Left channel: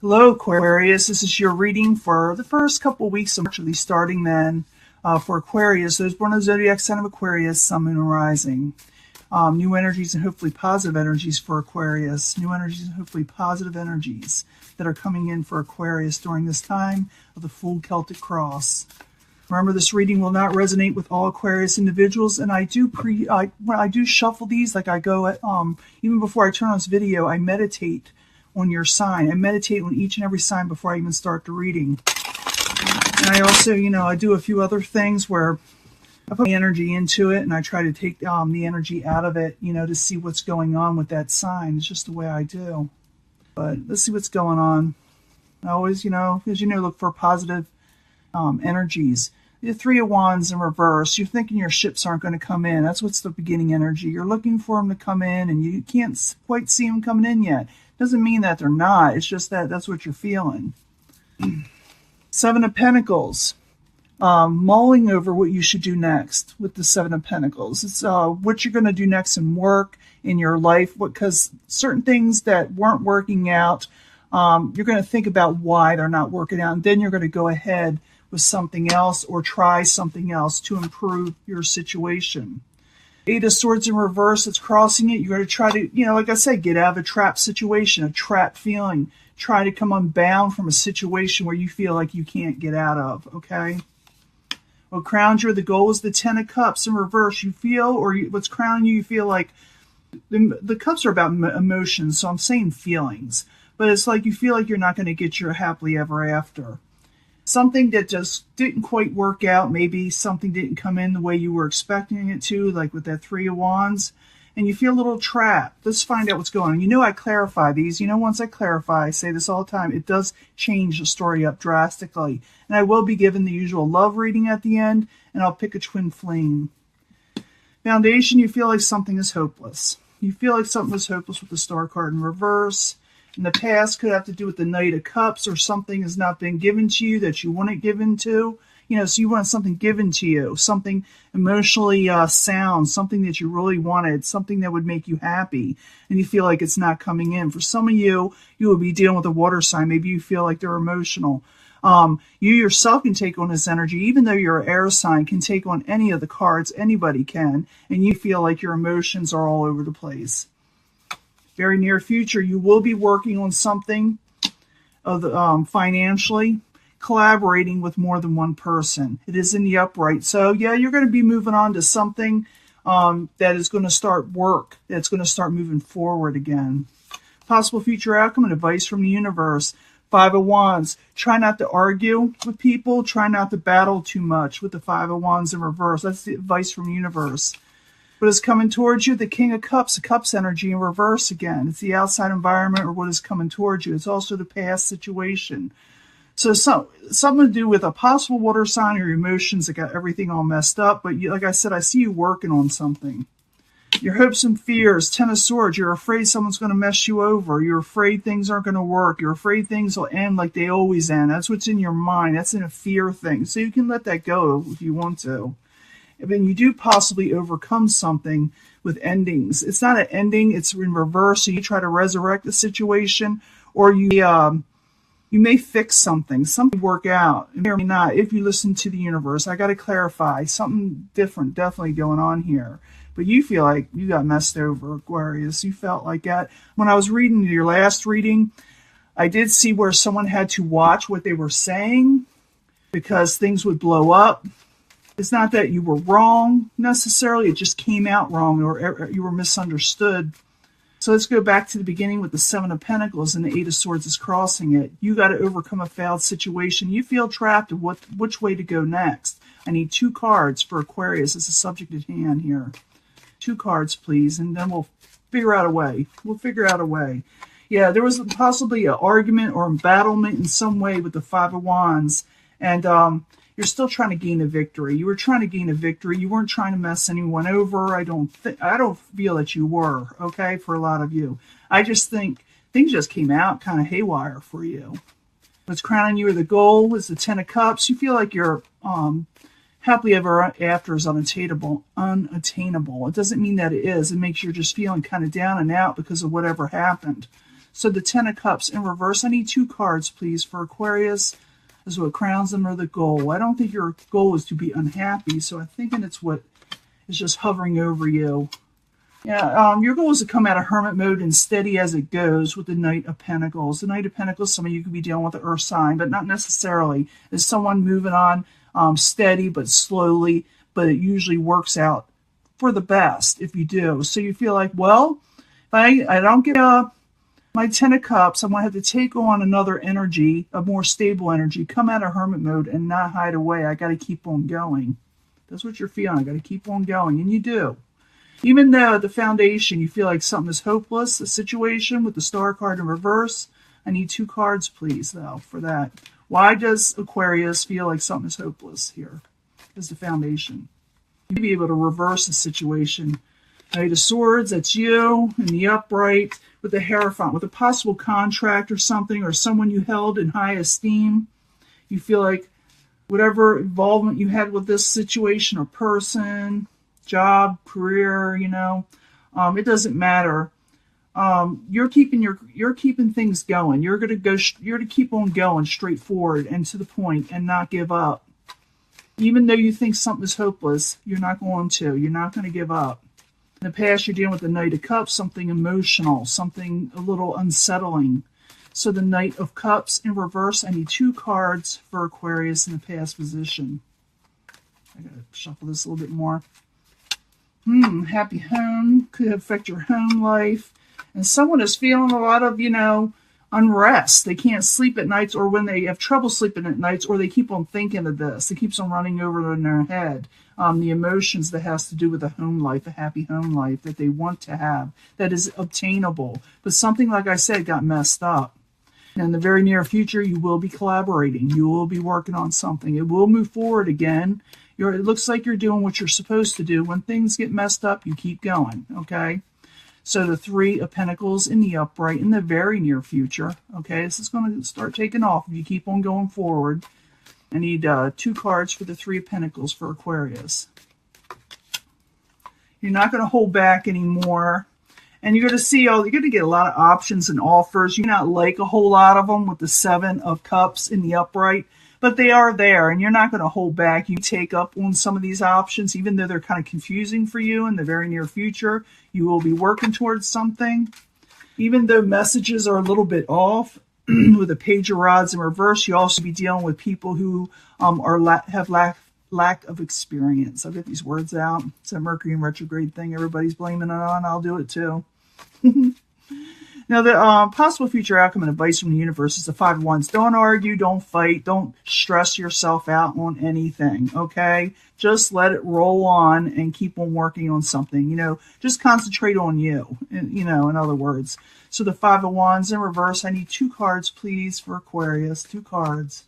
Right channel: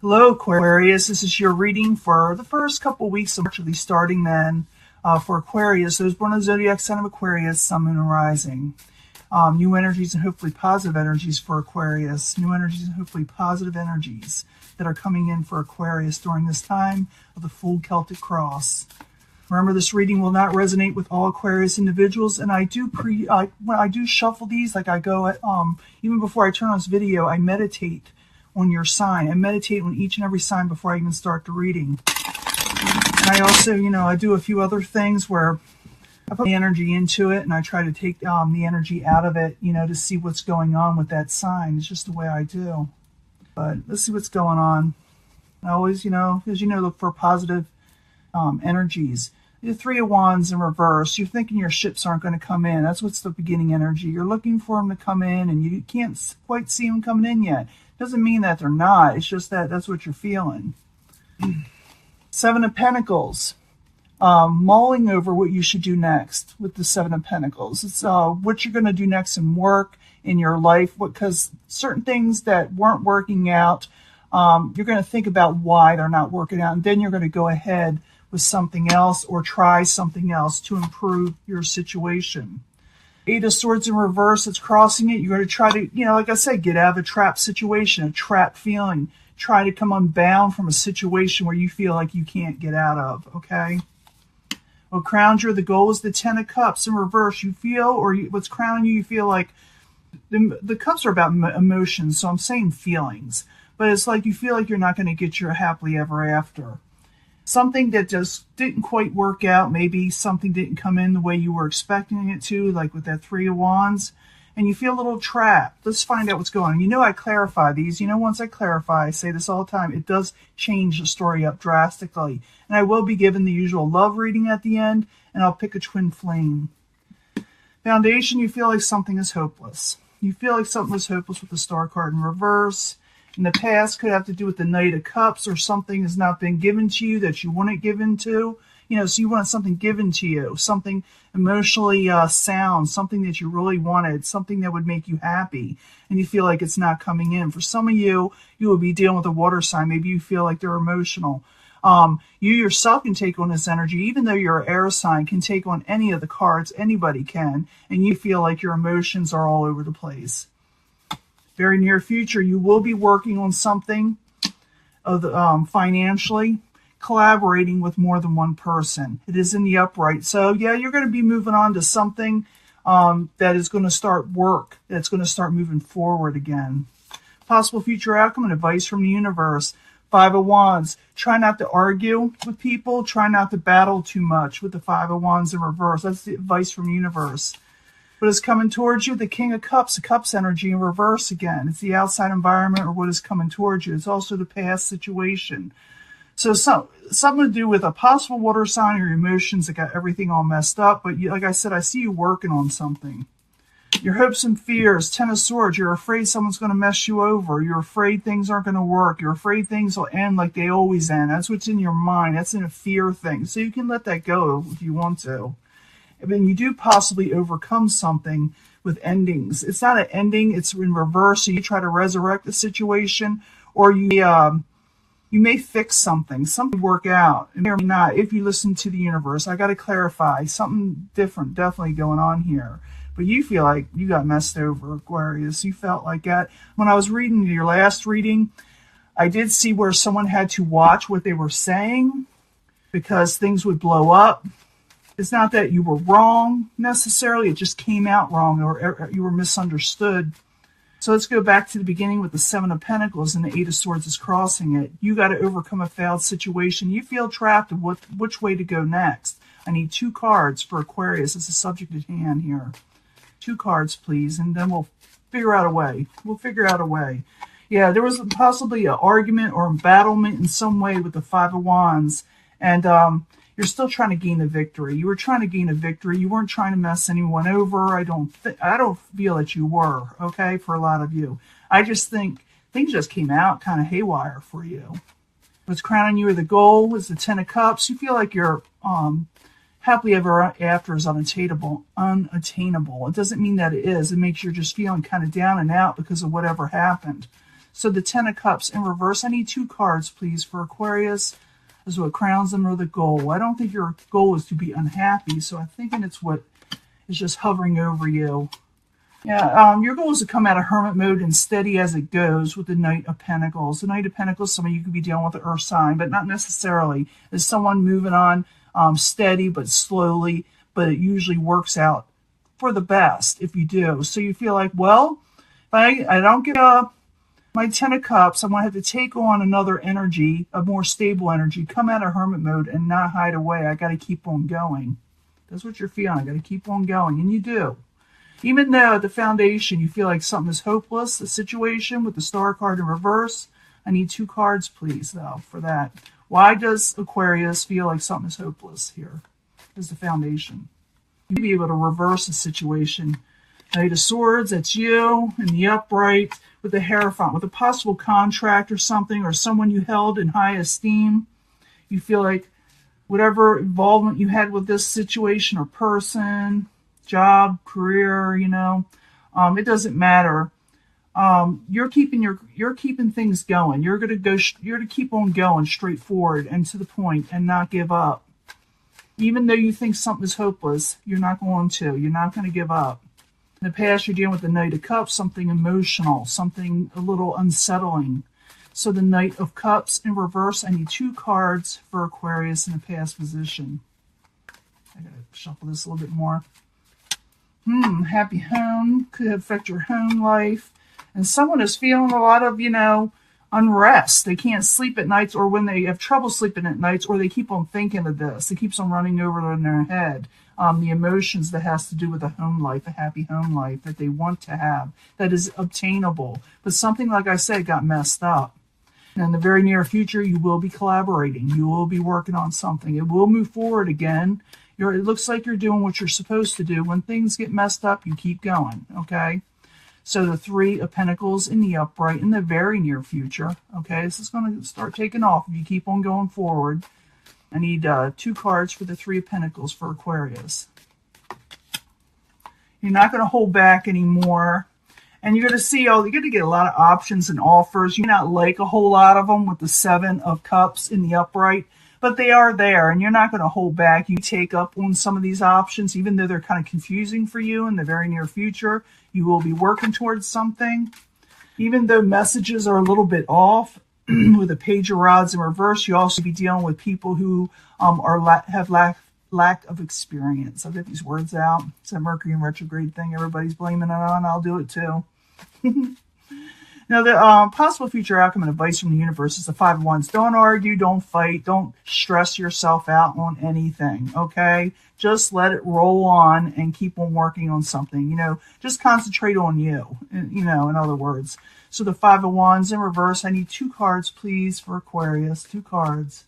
Hello, Aquarius. This is your reading for the first couple weeks of March, starting then for Aquarius. Those born in the zodiac sign of Aquarius, Sun, Moon, and Rising. New energies and hopefully positive energies for Aquarius. New energies and hopefully positive energies that are coming in for Aquarius during this time of the full Celtic cross. Remember, this reading will not resonate with all Aquarius individuals, and I do shuffle these. Like I go at, even before I turn on this video, I meditate on your sign. I meditate on each and every sign before I even start the reading. And I also, I do a few other things where I put the energy into it and I try to take the energy out of it, to see what's going on with that sign. It's just the way I do. But let's see what's going on. I always, as look for positive energies. The Three of Wands in reverse. You're thinking your ships aren't going to come in. That's what's the beginning energy. You're looking for them to come in and you can't quite see them coming in yet. Doesn't mean that they're not. It's just that that's what you're feeling. Seven of Pentacles. Mulling over what you should do next with the Seven of Pentacles. It's what you're going to do next in work, in your life, because certain things that weren't working out, you're going to think about why they're not working out, and then you're going to go ahead with something else or try something else to improve your situation. Eight of Swords in reverse, it's crossing it. You're going to try to, like I said, get out of a trapped situation, a trapped feeling. Try to come unbound from a situation where you feel like you can't get out of, okay? Well, crowned you, the goal is the Ten of Cups in reverse. You feel, or what's crowning you, you feel like the cups are about emotions, so I'm saying feelings. But it's like you feel like you're not going to get your happily ever after. Something that just didn't quite work out. Maybe something didn't come in the way you were expecting it to, like with that Three of Wands. And you feel a little trapped. Let's find out what's going on. I clarify these. Once I clarify, I say this all the time, it does change the story up drastically. And I will be given the usual love reading at the end, and I'll pick a twin flame. Foundation, you feel like something is hopeless. You feel like something was hopeless with the Star card in reverse. In the past, could have to do with the Knight of Cups, or something has not been given to you that you want it given to. So you wanted something given to you, something emotionally sound, something that you really wanted, something that would make you happy, and you feel like it's not coming in. For some of you, you will be dealing with a water sign. Maybe you feel like they're emotional. You yourself can take on this energy, even though you're an air sign, can take on any of the cards. Anybody can, and you feel like your emotions are all over the place. Very near future, you will be working on something financially, collaborating with more than one person. It is in the upright. So, yeah, you're going to be moving on to something that is going to start work, that's going to start moving forward again. Possible future outcome and advice from the universe. Five of Wands. Try not to argue with people. Try not to battle too much with the Five of Wands in reverse. That's the advice from the universe. What is coming towards you? The King of Cups, the Cups energy in reverse again. It's the outside environment or what is coming towards you. It's also the past situation. So something to do with a possible water sign or your emotions that got everything all messed up. But like I said, I see you working on something. Your hopes and fears, Ten of Swords. You're afraid someone's going to mess you over. You're afraid things aren't going to work. You're afraid things will end like they always end. That's what's in your mind. That's in a fear thing. So you can let that go if you want to. And then you do possibly overcome something with endings. It's not an ending. It's in reverse. So you try to resurrect the situation, or you may fix something work out. It may or may not, if you listen to the universe. I got to clarify, something different definitely going on here. But you feel like you got messed over, Aquarius. You felt like that. When I was reading your last reading, I did see where someone had to watch what they were saying because things would blow up. It's not that you were wrong necessarily. It just came out wrong, or you were misunderstood. So let's go back to the beginning with the Seven of Pentacles and the Eight of Swords is crossing it. You got to overcome a failed situation. You feel trapped of which way to go next. I need two cards for Aquarius. It's a subject at hand here. Two cards, please, and then we'll figure out a way. Yeah, there was possibly an argument or embattlement in some way with the Five of Wands, and you're still trying to gain a victory. You were trying to gain a victory. You weren't trying to mess anyone over. I don't feel that you were, okay, for a lot of you. I just think things just came out kind of haywire for you. What's crowning you, or the goal is the Ten of Cups. You feel like you're happily ever after is unattainable. It doesn't mean that it is. It makes you just feeling kind of down and out because of whatever happened. So the Ten of Cups in reverse, I need 2 cards, please, for Aquarius. This is what crowns them, or the goal. I don't think your goal is to be unhappy, so I'm thinking it's what is just hovering over you. Yeah, your goal is to come out of hermit mode and steady as it goes with the Knight of Pentacles. The Knight of Pentacles, some of you could be dealing with the earth sign, but not necessarily. Is someone moving on steady but slowly, but it usually works out for the best if you do. So you feel like, well, if I don't get my Ten of Cups, I'm going to have to take on another energy, a more stable energy, come out of hermit mode and not hide away. I got to keep on going. That's what you're feeling. I got to keep on going, and you do. Even though at the foundation you feel like something is hopeless, a situation with the Star card in reverse, I need 2 cards, please, though, for that. Why does Aquarius feel like something is hopeless here? Is the foundation. You'd be able to reverse the situation. Knight of Swords, that's you, in the upright, with the Hierophant, with a possible contract or something, or someone you held in high esteem. You feel like whatever involvement you had with this situation or person, job, career, it doesn't matter. You're keeping things going. You're to keep on going straight forward and to the point and not give up. Even though you think something is hopeless, you're not going to. You're not going to give up. In the past, you're dealing with the Knight of Cups, something emotional, something a little unsettling. So the Knight of Cups in reverse, I need 2 cards for Aquarius in the past position. I gotta shuffle this a little bit more. Happy home could affect your home life. And someone is feeling a lot of, unrest. They can't sleep at nights, or when they have trouble sleeping at nights, or they keep on thinking of this. It keeps on running over in their head. The emotions that has to do with a home life, a happy home life that they want to have, that is obtainable. But something, like I said, got messed up. And in the very near future, you will be collaborating. You will be working on something. It will move forward again. It looks like you're doing what you're supposed to do. When things get messed up, you keep going, okay? So the 3 of Pentacles in the upright in the very near future, okay? This is going to start taking off if you keep on going forward. I need 2 cards for the 3 of Pentacles for Aquarius. You're not going to hold back anymore. And you're going to see, you're going to get a lot of options and offers. You may not like a whole lot of them with the 7 of Cups in the upright, but they are there, and you're not going to hold back. You take up on some of these options, even though they're kind of confusing for you in the very near future. You will be working towards something. Even though messages are a little bit off, with the Page of Rods in reverse, you also be dealing with people who have lack of experience. I'll get these words out. It's a Mercury in retrograde thing everybody's blaming it on. I'll do it too. Now, the possible future outcome and advice from the universe is the 5 of Wands. Don't argue, don't fight, don't stress yourself out on anything, okay? Just let it roll on and keep on working on something, just concentrate on you, in other words. So the 5 of Wands in reverse, I need 2 cards, please, for Aquarius. 2 cards.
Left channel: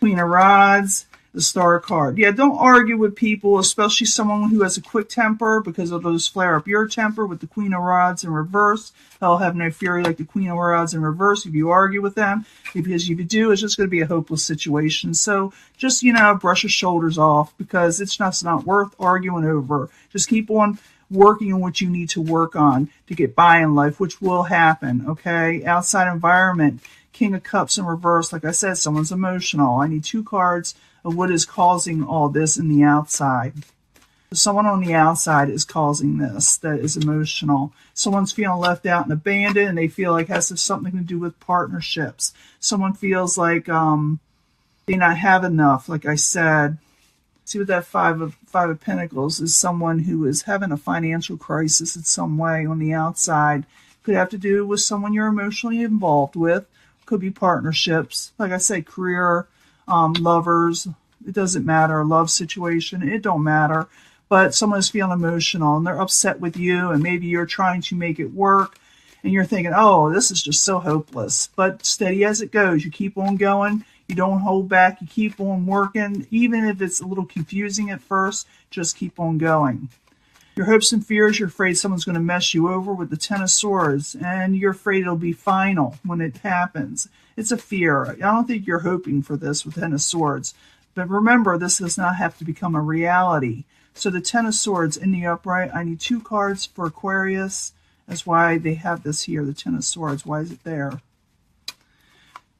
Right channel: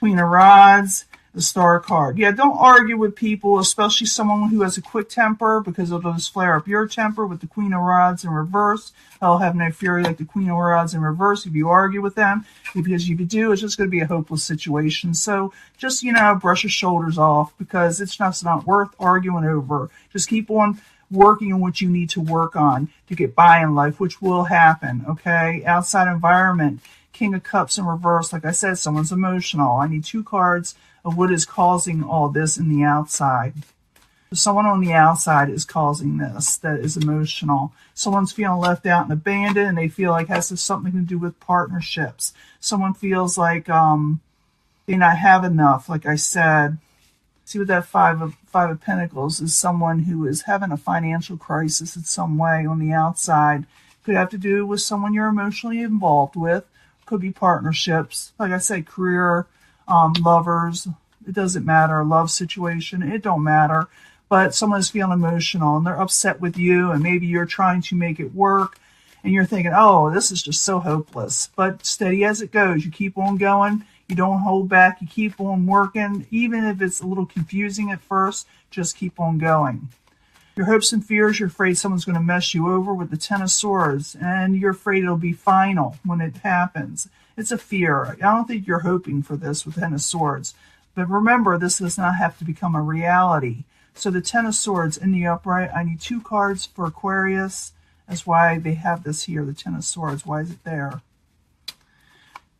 Queen of Rods, the Star card. Yeah, don't argue with people, especially someone who has a quick temper, because it'll just flare up your temper with the Queen of Rods in reverse. They'll have no fury like the Queen of Rods in reverse if you argue with them, because if you do, it's just going to be a hopeless situation. So just, brush your shoulders off, because it's just not worth arguing over. Just keep on working on what you need to work on to get by in life, which will happen, okay? Outside environment, King of Cups in reverse. Like I said, someone's emotional. I need 2 cards of what is causing all this in the outside. So someone on the outside is causing this, that is emotional. Someone's feeling left out and abandoned, and they feel like it has something to do with partnerships. Someone feels like they not have enough, like I said. See, with that five of Pentacles is someone who is having a financial crisis in some way on the outside. Could have to do with someone you're emotionally involved with. Could be partnerships. Like I said, career, lovers. It doesn't matter. A love situation. It don't matter. But someone is feeling emotional and they're upset with you, and maybe you're trying to make it work and you're thinking, oh, this is just so hopeless. But steady as it goes. You keep on going. You don't hold back. You keep on working. Even if it's a little confusing at first, just keep on going. Your hopes and fears, you're afraid someone's going to mess you over with the Ten of Swords, and you're afraid it'll be final when it happens. It's a fear. I don't think you're hoping for this with Ten of Swords. But remember, this does not have to become a reality. So the Ten of Swords in the upright, I need 2 cards for Aquarius That's why they have this here, the Ten of Swords. Why is it there?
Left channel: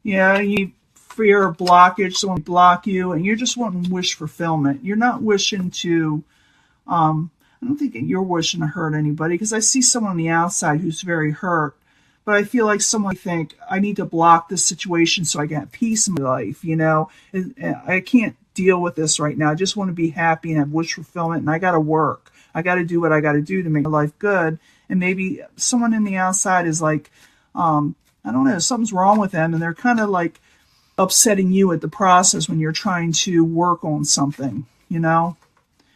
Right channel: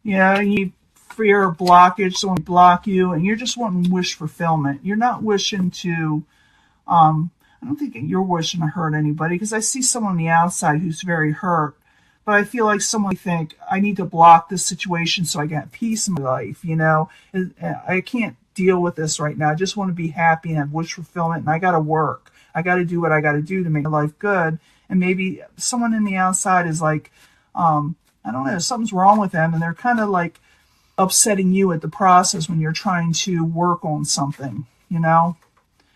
Yeah, you fear of blockage, someone block you, and you're just wanting wish fulfillment. You're not wishing to, I don't think you're wishing to hurt anybody, because I see someone on the outside who's very hurt. But I feel like someone think, I need to block this situation so I can have peace in my life, you know. I can't deal with this right now. I just want to be happy and have wish fulfillment, and I got to work. I got to do what I got to do to make my life good. And maybe someone in the outside is like, I don't know, something's wrong with them, and they're kind of like upsetting you at the process when you're trying to work on something, you know.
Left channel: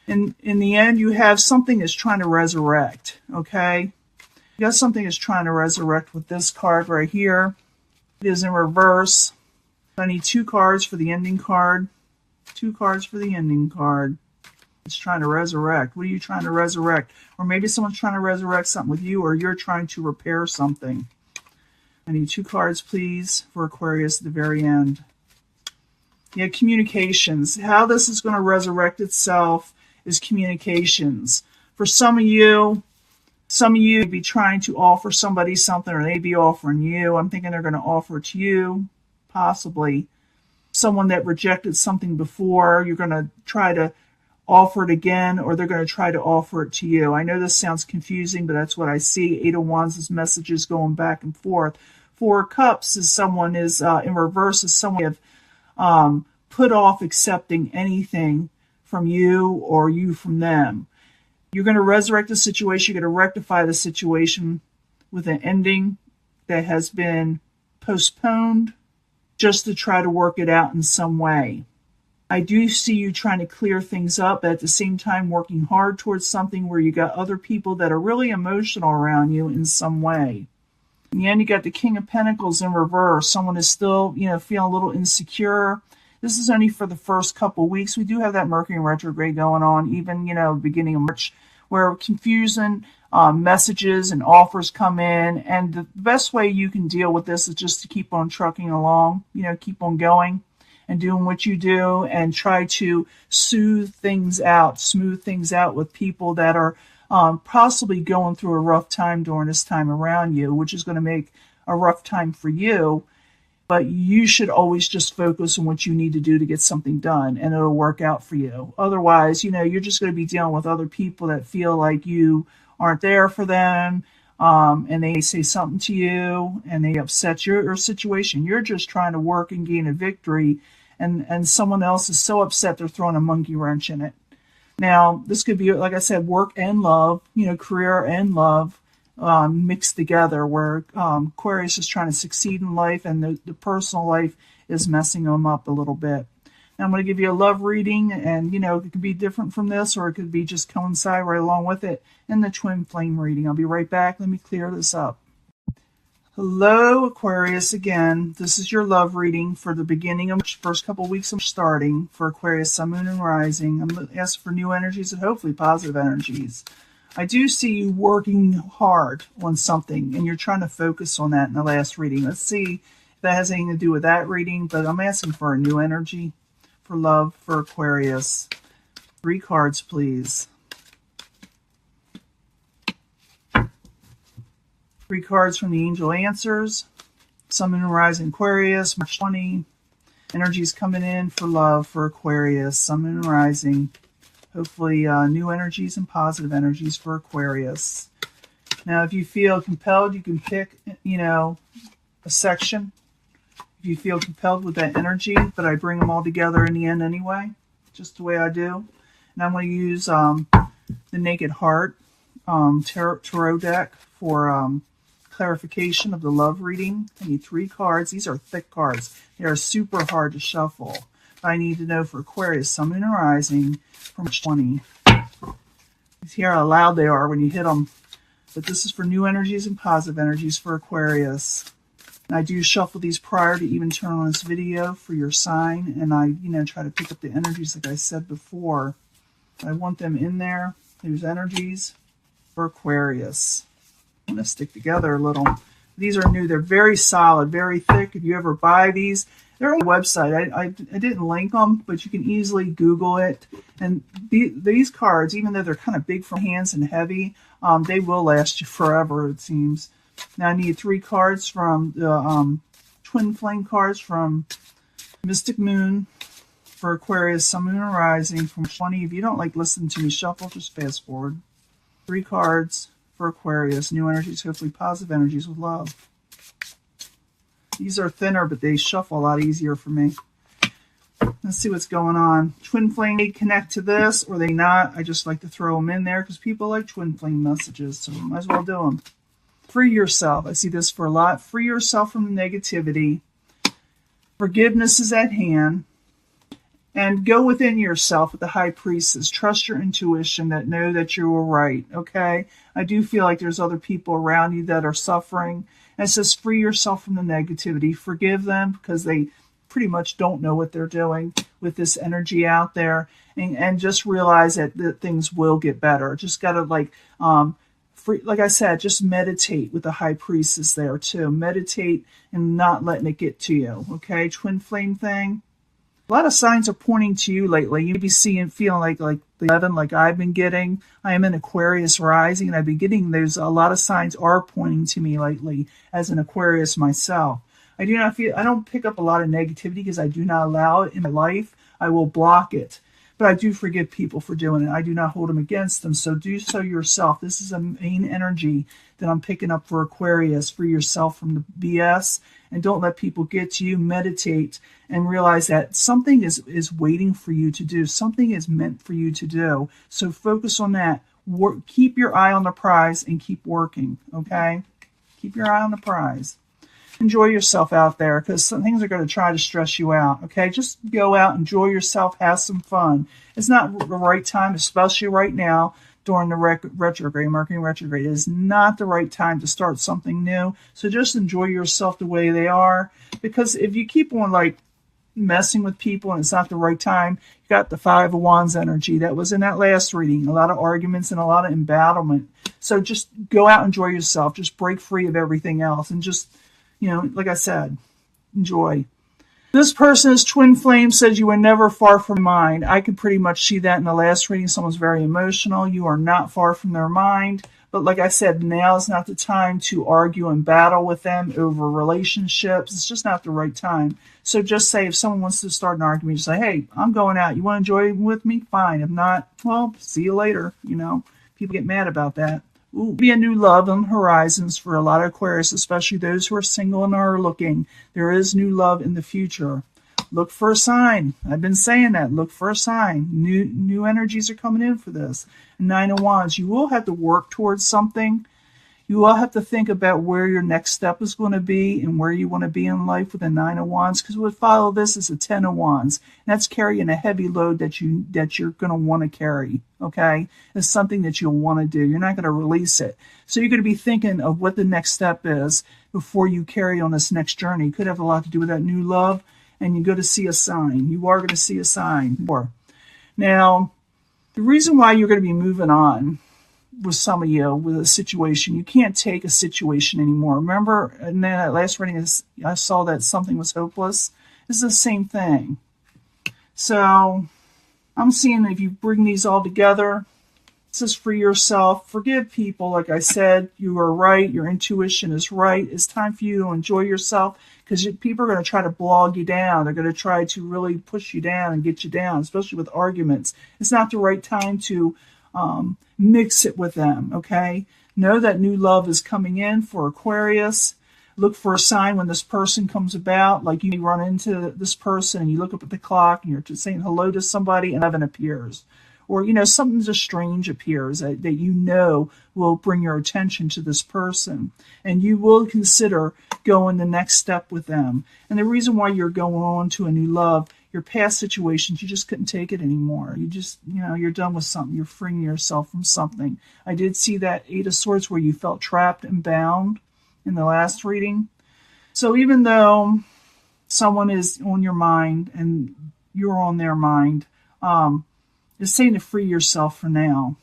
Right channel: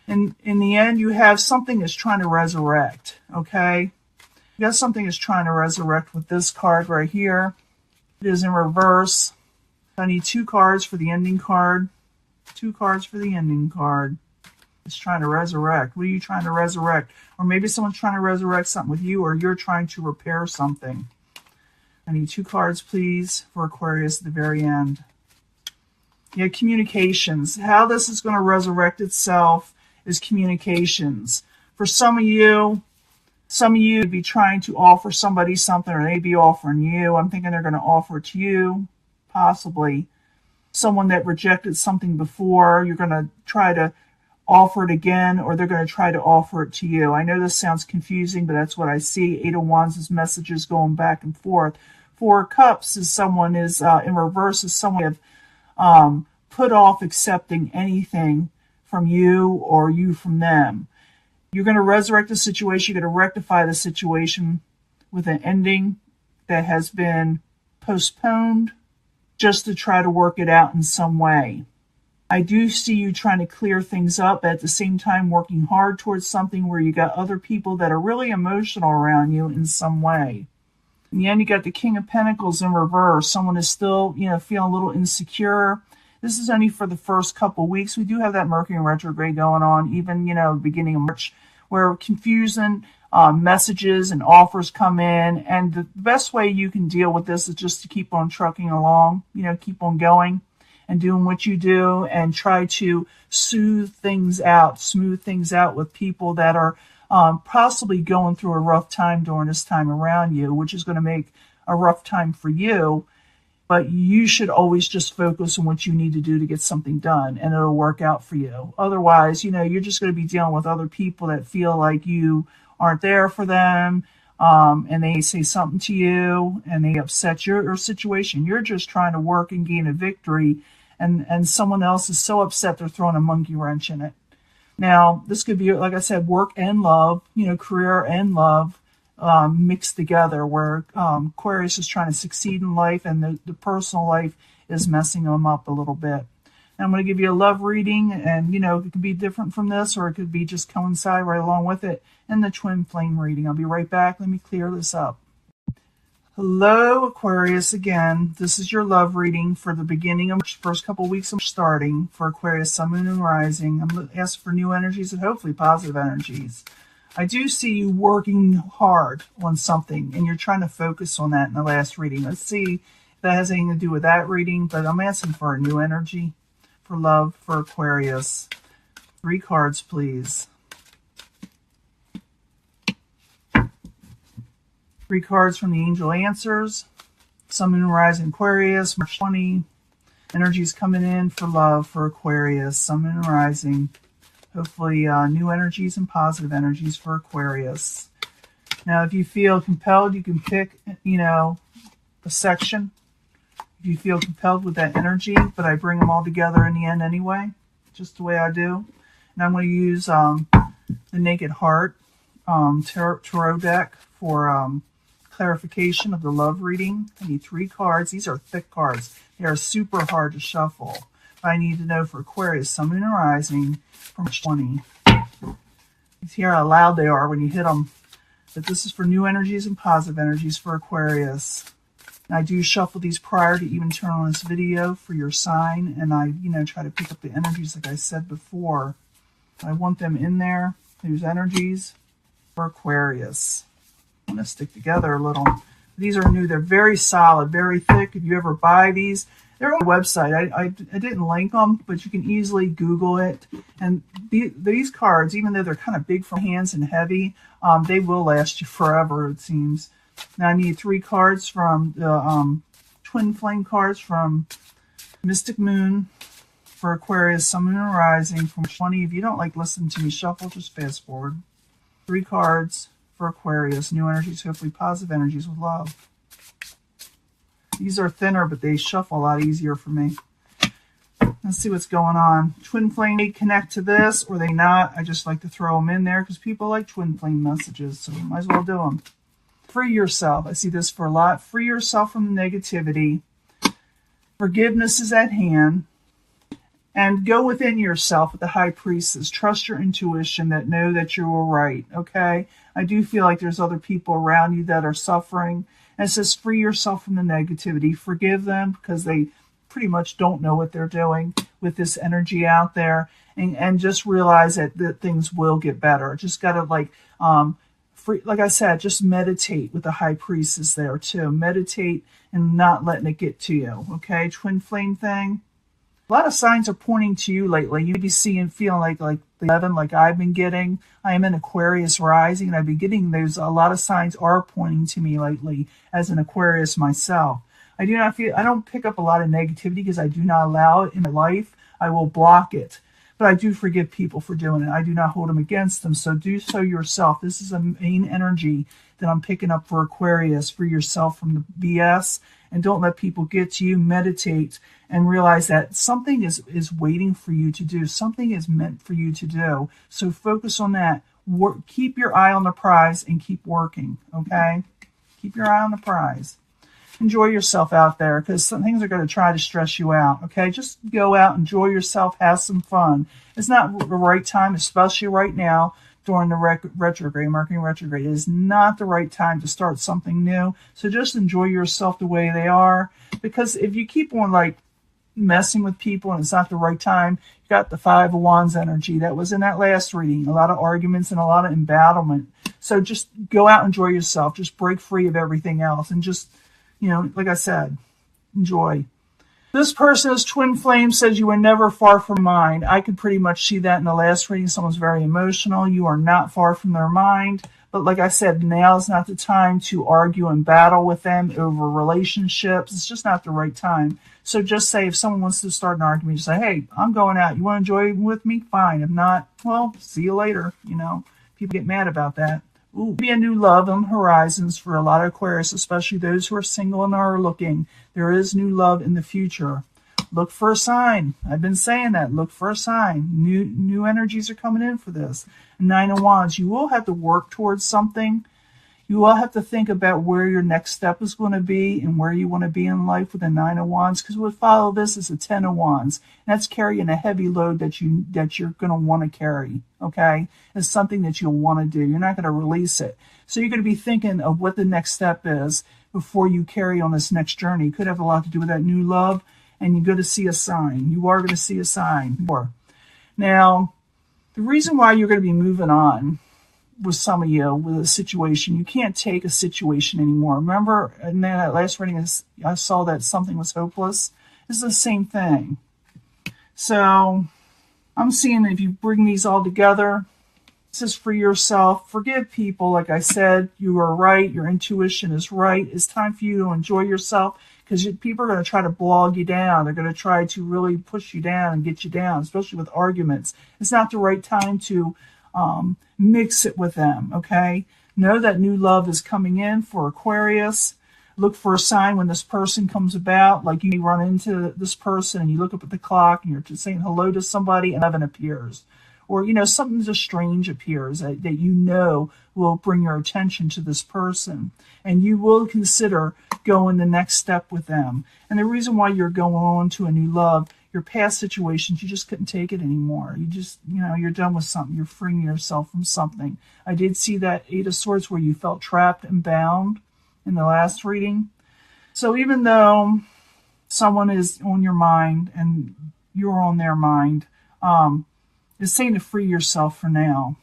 And in the end, you have something that's trying to resurrect, okay? You got something that's trying to resurrect with this card right here. It is in reverse. I need 2 cards for the ending card. 2 cards for the ending card. It's trying to resurrect. What are you trying to resurrect? Or maybe someone's trying to resurrect something with you, or you're trying to repair something. I need 2 cards, please, for Aquarius at the very end. Yeah, communications. How this is going to resurrect itself is communications. For some of you would be trying to offer somebody something, or they'd be offering you. I'm thinking they're going to offer it to you, possibly. Someone that rejected something before, you're going to try to offer it again, or they're going to try to offer it to you. I know this sounds confusing, but that's what I see. 8 of Wands is messages going back and forth. 4 of Cups is someone is in reverse, is someone have put off accepting anything from you or you from them. You're going to resurrect the situation. You're going to rectify the situation with an ending that has been postponed just to try to work it out in some way. I do see you trying to clear things up, but at the same time working hard towards something where you got other people that are really emotional around you in some way. In the end, you got the King of Pentacles in reverse. Someone is still, feeling a little insecure. This is only for the first couple weeks. We do have that Mercury retrograde going on, even, beginning of March, where confusing messages and offers come in. And the best way you can deal with this is just to keep on trucking along, keep on going and doing what you do, and try to smooth things out with people that are possibly going through a rough time during this time around you, which is going to make a rough time for you. But you should always just focus on what you need to do to get something done, and it'll work out for you. Otherwise, you're just going to be dealing with other people that feel like you aren't there for them, and they say something to you, and they upset your situation. You're just trying to work and gain a victory, and someone else is so upset they're throwing a monkey wrench in it. Now, this could be, like I said, work and love, career and love mixed together, where Aquarius is trying to succeed in life, and the personal life is messing them up a little bit. Now, I'm going to give you a love reading, and, it could be different from this, or it could be just coincide right along with it, and the twin flame reading. I'll be right back. Let me clear this up. Hello, Aquarius, again. This is your love reading for the beginning of the first couple of weeks of starting for Aquarius, Sun, Moon, and Rising. I'm asking for new energies and hopefully positive energies. I do see you working hard on something, and you're trying to focus on that in the last reading. Let's see if that has anything to do with that reading, but I'm asking for a new energy for love for Aquarius. 3 cards, please. 3 cards from the Angel Answers. Sun, Moon, and Rising Aquarius, March 20. Energies coming in for love for Aquarius, Sun, Moon, and Rising. Hopefully new energies and positive energies for Aquarius. Now, if you feel compelled, you can pick, a section. If you feel compelled with that energy, but I bring them all together in the end anyway, just the way I do. And I'm going to use the Naked Heart tarot deck for clarification of the love reading. I need 3 cards. These are thick cards. They are super hard to shuffle. I need to know for Aquarius, Sun, Moon, and Rising from 20. You hear how loud they are when you hit them. But this is for new energies and positive energies for Aquarius. And I do shuffle these prior to even turn on this video for your sign. And I, try to pick up the energies like I said before. I want them in there, those energies for Aquarius. I'm going to stick together a little. These are new. They're very solid, very thick. If you ever buy these, they're on the website. I didn't link them, but you can easily Google it. And these cards, even though they're kind of big for hands and heavy, they will last you forever, it seems. Now I need 3 cards from the Twin Flame cards from Mystic Moon for Aquarius, Sun, Moon, and Rising from 20. If you don't like listening to me shuffle, just fast forward. 3 cards for Aquarius, new energies, hopefully positive energies with love. These are thinner, but they shuffle a lot easier for me. Let's see what's going on. Twin Flame may connect to this, or they not. I just like to throw them in there because people like Twin Flame messages, so might as well do them. Free yourself. I see this for a lot. Free yourself from the negativity. Forgiveness is at hand. And go within yourself with the High Priestess. Trust your intuition that know that you are right, okay? I do feel like there's other people around you that are suffering. And it says free yourself from the negativity. Forgive them because they pretty much don't know what they're doing with this energy out there. And just realize that things will get better. Just got to like I said, just meditate with the High Priestess there too. Meditate and not letting it get to you, okay? Twin Flame thing. A lot of signs are pointing to you lately. You may be seeing, feeling like the 11, like I've been getting. I am in Aquarius rising, and I've been getting, there's a lot of signs are pointing to me lately as an Aquarius myself. I don't pick up a lot of negativity because I do not allow it in my life. I will block it. But I do forgive people for doing it. I do not hold them against them. So do so yourself. This is a main energy that I'm picking up for Aquarius. Free yourself from the BS. And don't let people get to you. Meditate and realize that something is waiting for you to do. Something is meant for you to do. So focus on that. Keep your eye on the prize and keep working, okay? Keep your eye on the prize. Enjoy yourself out there because some things are going to try to stress you out, okay? Just go out, enjoy yourself, have some fun. It's not the right time, especially right now, during the retrograde, Mercury retrograde. It is not the right time to start something new. So just enjoy yourself the way they are. Because if you keep on like messing with people and it's not the right time, you got the 5 of Wands energy. That was in that last reading. A lot of arguments and a lot of embattlement. So just go out and enjoy yourself. Just break free of everything else. And just, like I said, enjoy. This person's twin flame says you were never far from mind. I could pretty much see that in the last reading. Someone's very emotional. You are not far from their mind. But like I said, now is not the time to argue and battle with them over relationships. It's just not the right time. So just say if someone wants to start an argument, just say, hey, I'm going out. You want to enjoy with me? Fine. If not, well, see you later. People get mad about that. Ooh, be a new love on horizons for a lot of Aquarius, especially those who are single and are looking. There is new love in the future. Look for a sign. I've been saying that. Look for a sign. New energies are coming in for this. 9 of Wands. You will have to work towards something. You will have to think about where your next step is going to be and where you want to be in life with a 9 of Wands. Because what follow this is a 10 of Wands. And that's carrying a heavy load that you're going to want to carry. Okay? It's something that you'll want to do. You're not going to release it. So you're going to be thinking of what the next step is before you carry on this next journey. It could have a lot to do with that new love. And you're going to see a sign. You are going to see a sign. Now, the reason why you're going to be moving on with some of you with a situation, you can't take a situation anymore. Remember in that last reading, I saw that something was hopeless. It's the same thing. So I'm seeing that if you bring these all together, this is for yourself. Forgive people. Like I said, you are right. Your intuition is right. It's time for you to enjoy yourself because people are going to try to blog you down. They're going to try to really push you down and get you down, especially with arguments. It's not the right time to mix it with them, okay? Know that new love is coming in for Aquarius. Look for a sign when this person comes about. Like you may run into this person and you look up at the clock and you're just saying hello to somebody and 11 appears. Or, something just strange appears that will bring your attention to this person. And you will consider going the next step with them. And the reason why you're going on to a new love, your past situations, you just couldn't take it anymore. You just, you're done with something. You're freeing yourself from something. I did see that 8 of Swords where you felt trapped and bound in the last reading. So even though someone is on your mind and you're on their mind, it's saying to free yourself for now.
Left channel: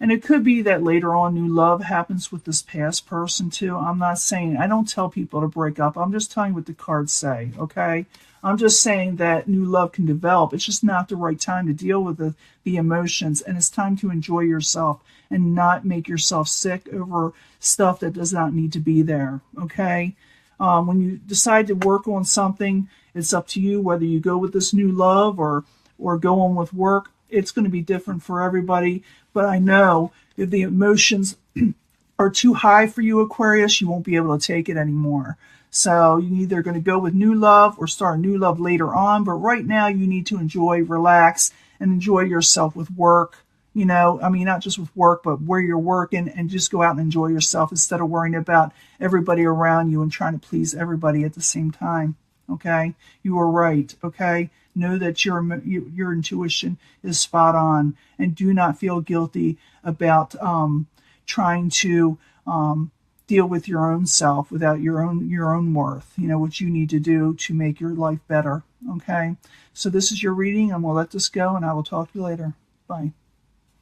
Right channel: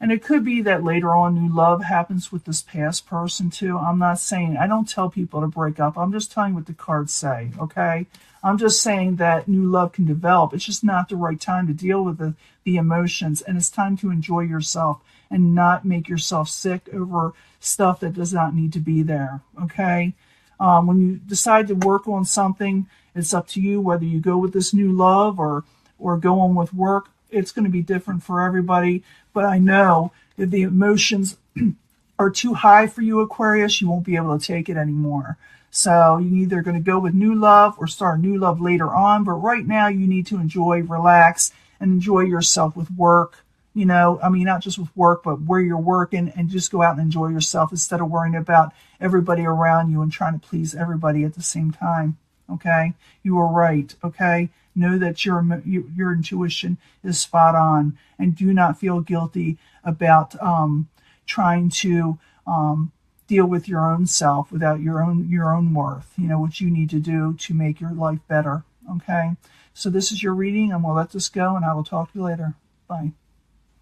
And it could be that later on new love happens with this past person too. I'm not saying, I don't tell people to break up. I'm just telling you what the cards say, okay? I'm just saying that new love can develop. It's just not the right time to deal with the emotions. And it's time to enjoy yourself and not make yourself sick over stuff that does not need to be there, okay? When you decide to work on something, it's up to you whether you go with this new love or go on with work. It's going to be different for everybody. But I know if the emotions are too high for you, Aquarius, you won't be able to take it anymore. So you're either going to go with new love or start new love later on. But right now you need to enjoy, relax, and enjoy yourself with work. You know, I mean, not just with work, but where you're working, and just go out and enjoy yourself instead of worrying about everybody around you and trying to please everybody at the same time. Okay? You are right. Okay? Know that your intuition is spot on, and do not feel guilty about trying to deal with your own self without your own worth. You know what you need to do to make your life better. Okay, so this is your reading. I'm gonna let this go, and I will talk to you later. Bye.